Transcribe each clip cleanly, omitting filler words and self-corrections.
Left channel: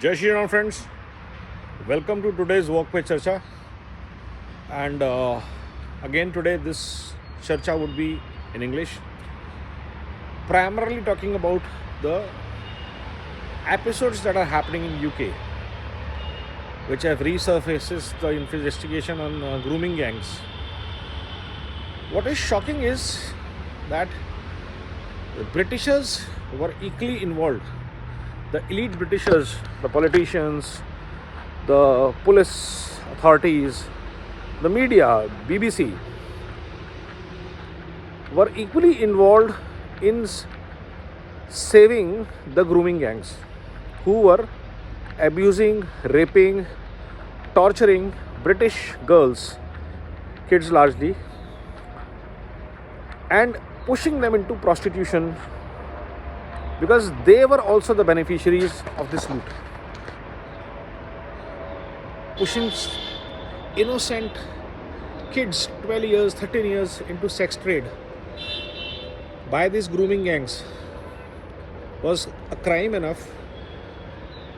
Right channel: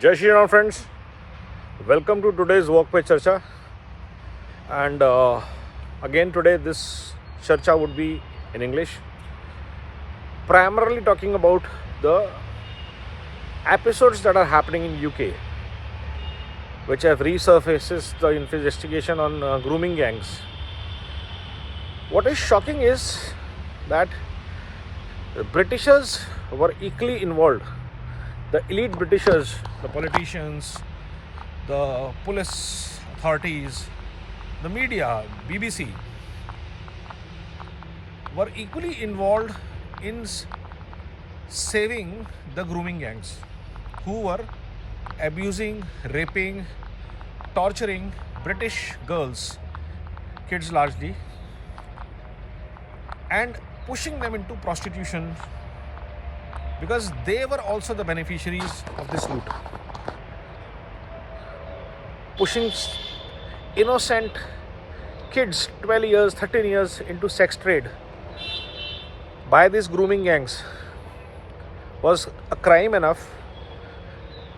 Jai Shri Ram friends, welcome to today's Walk by Charcha. And again today this Charcha would be in English, primarily talking about the episodes that are happening in UK, which have resurfaced the investigation on grooming gangs. What is shocking is that the Britishers were equally involved. The elite Britishers, the politicians, the police authorities, the media, BBC, were equally involved in saving the grooming gangs who were abusing, raping, torturing British girls, kids largely, and pushing them into prostitution, because they were also the beneficiaries of this loot. Pushing innocent kids, 12 years, 13 years, into sex trade by these grooming gangs was a crime enough.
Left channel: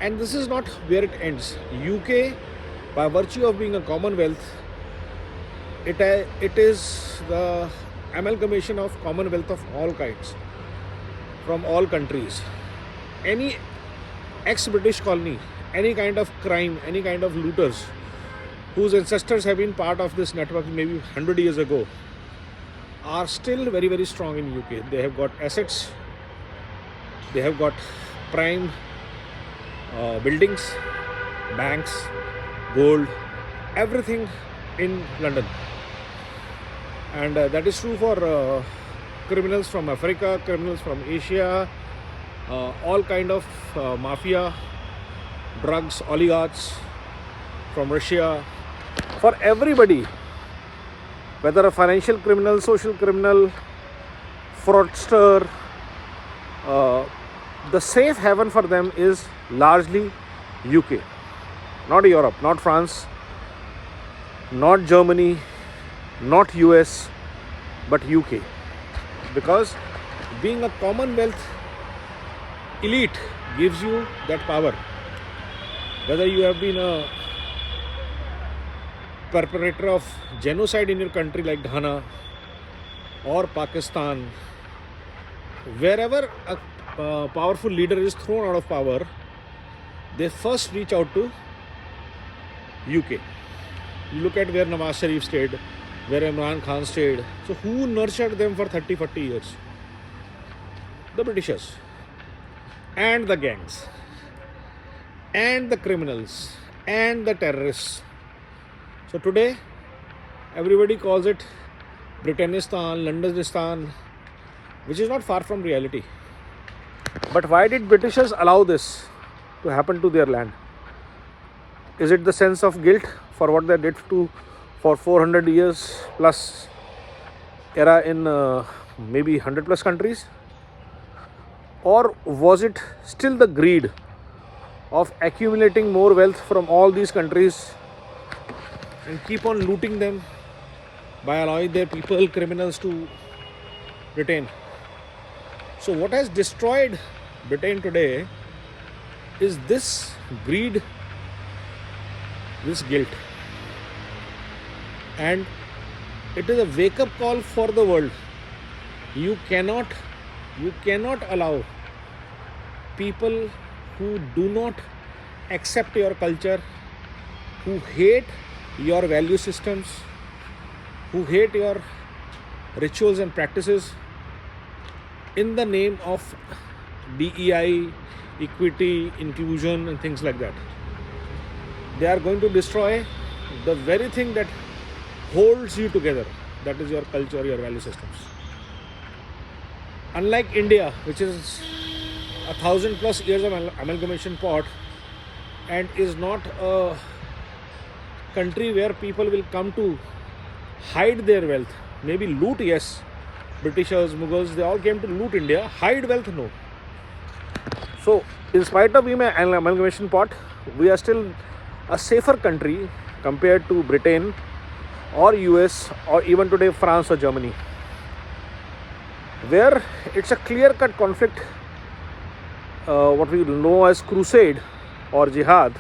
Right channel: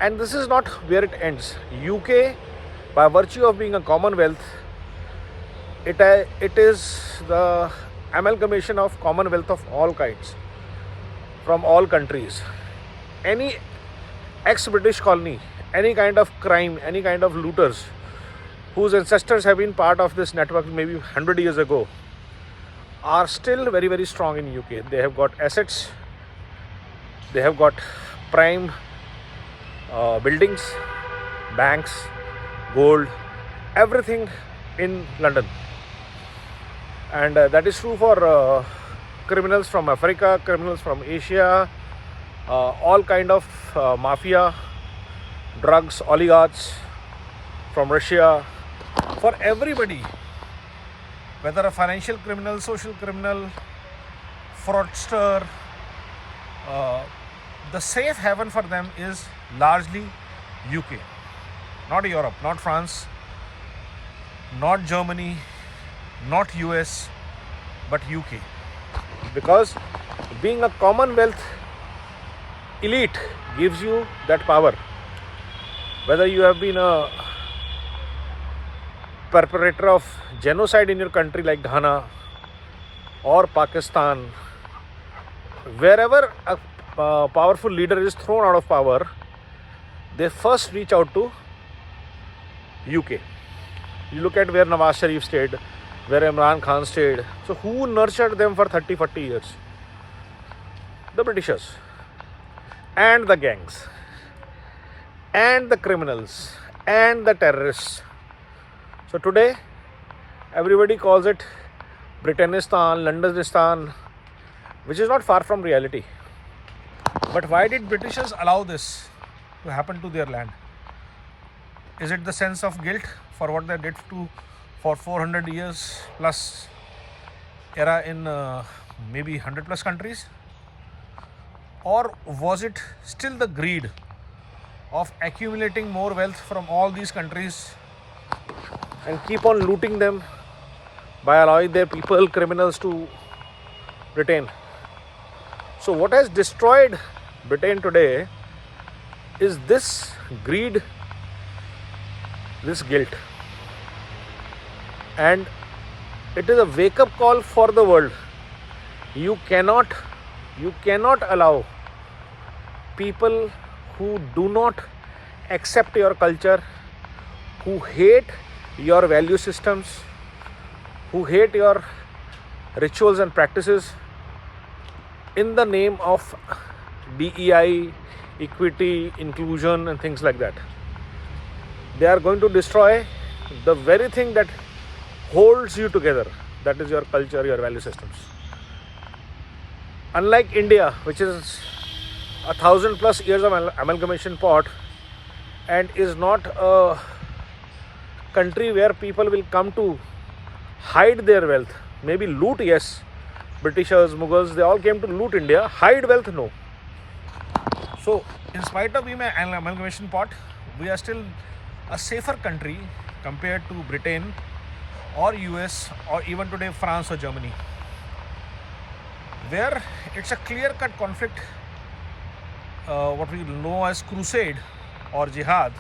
And this is not where it ends. UK, by virtue of being a commonwealth, it is the amalgamation of commonwealth of all kinds, from all countries. Any ex-British colony, any kind of crime, any kind of looters whose ancestors have been part of this network maybe 100 years ago are still very, very strong in UK. They have got assets, they have got prime buildings, banks, gold, everything in London. And that is true for criminals from Africa, criminals from Asia, all kind of mafia, drugs, oligarchs from Russia, for everybody, whether a financial criminal, social criminal, fraudster, the safe haven for them is largely UK, not Europe, not France, not Germany, not US, but UK. Because being a commonwealth elite gives you that power. Whether you have been a perpetrator of genocide in your country like Ghana or Pakistan, wherever a powerful leader is thrown out of power, they first reach out to UK. You look at where Nawaz Sharif stayed, where Imran Khan stayed. So who nurtured them for 30-40 years? The Britishers and the gangs and the criminals and the terrorists. So today everybody calls it Britannistan, Londonistan, which is not far from reality. But why did Britishers allow this to happen to their land? Is it the sense of guilt for what they did for 400 years plus era in maybe 100 plus countries? Or was it still the greed of accumulating more wealth from all these countries and keep on looting them by allowing their people, criminals, to retain? So what has destroyed Britain today is this greed, this guilt. And it is a wake-up call for the world. You cannot allow people who do not accept your culture, who hate your value systems, who hate your rituals and practices, in the name of DEI, equity, inclusion and things like that. They are going to destroy the very thing that holds you together, that is your culture, your value systems. Unlike India, which is 1,000 plus years of amalgamation pot and is not a country where people will come to hide their wealth. Maybe loot, yes. Britishers, Mughals, they all came to loot India. Hide wealth, no. So, in spite of being an amalgamation pot, we are still a safer country compared to Britain or US or even today France or Germany, where it's a clear-cut conflict, what we know as crusade or jihad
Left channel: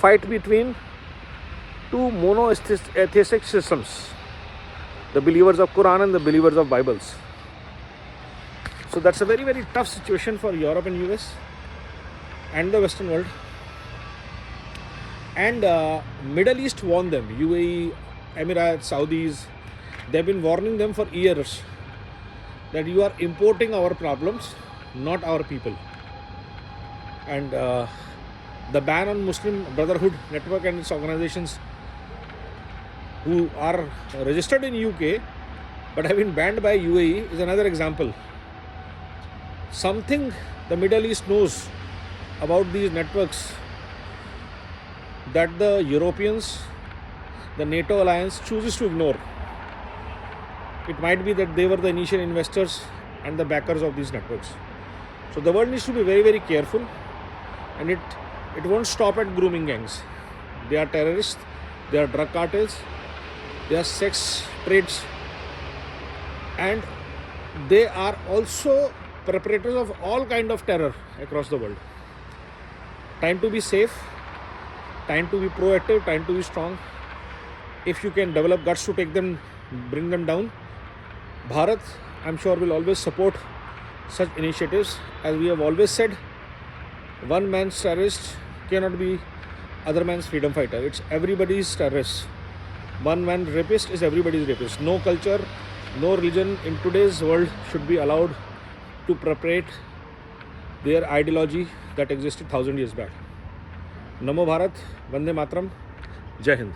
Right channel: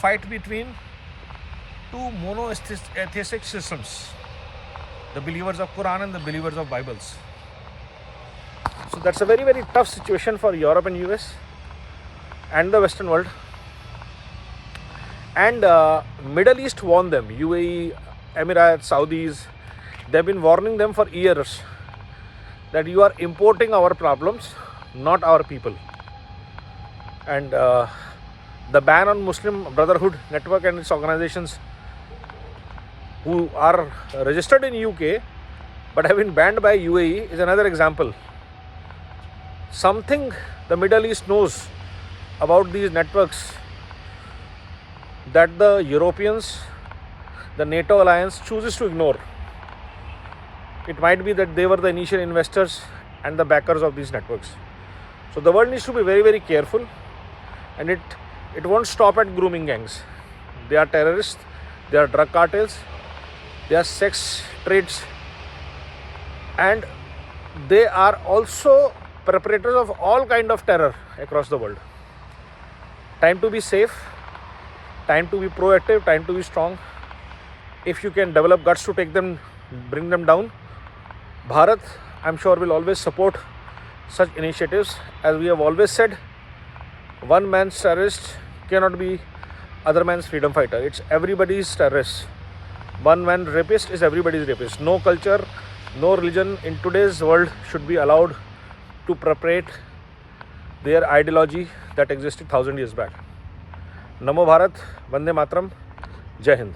fight between two monotheistic systems, the believers of Quran and the believers of Bibles. So that's a very, very tough situation for Europe and US and the Western world. And Middle East warned them, UAE, Emirates, Saudis, they've been warning them for years that you are importing our problems, not our people. And the ban on Muslim Brotherhood Network and its organizations who are registered in UK but have been banned by UAE is another example. Something the Middle East knows about these networks that the Europeans, the NATO alliance chooses to ignore. It might be that they were the initial investors and the backers of these networks. So the world needs to be very, very careful, and it won't stop at grooming gangs. They are terrorists, they are drug cartels, they are sex trades, and they are also perpetrators of all kind of terror across the world. Time to be safe, time to be proactive, time to be strong. If you can develop guts to take them, bring them down, Bharat, I'm sure, will always support such initiatives. As we have always said, one man's terrorist cannot be other man's freedom fighter. It's everybody's terrorist. One man rapist is everybody's rapist. No culture, no religion in today's world should be allowed to perpetrate their ideology that existed 1,000 years back. Namo Bharat, Vande Mataram, Jai Hind.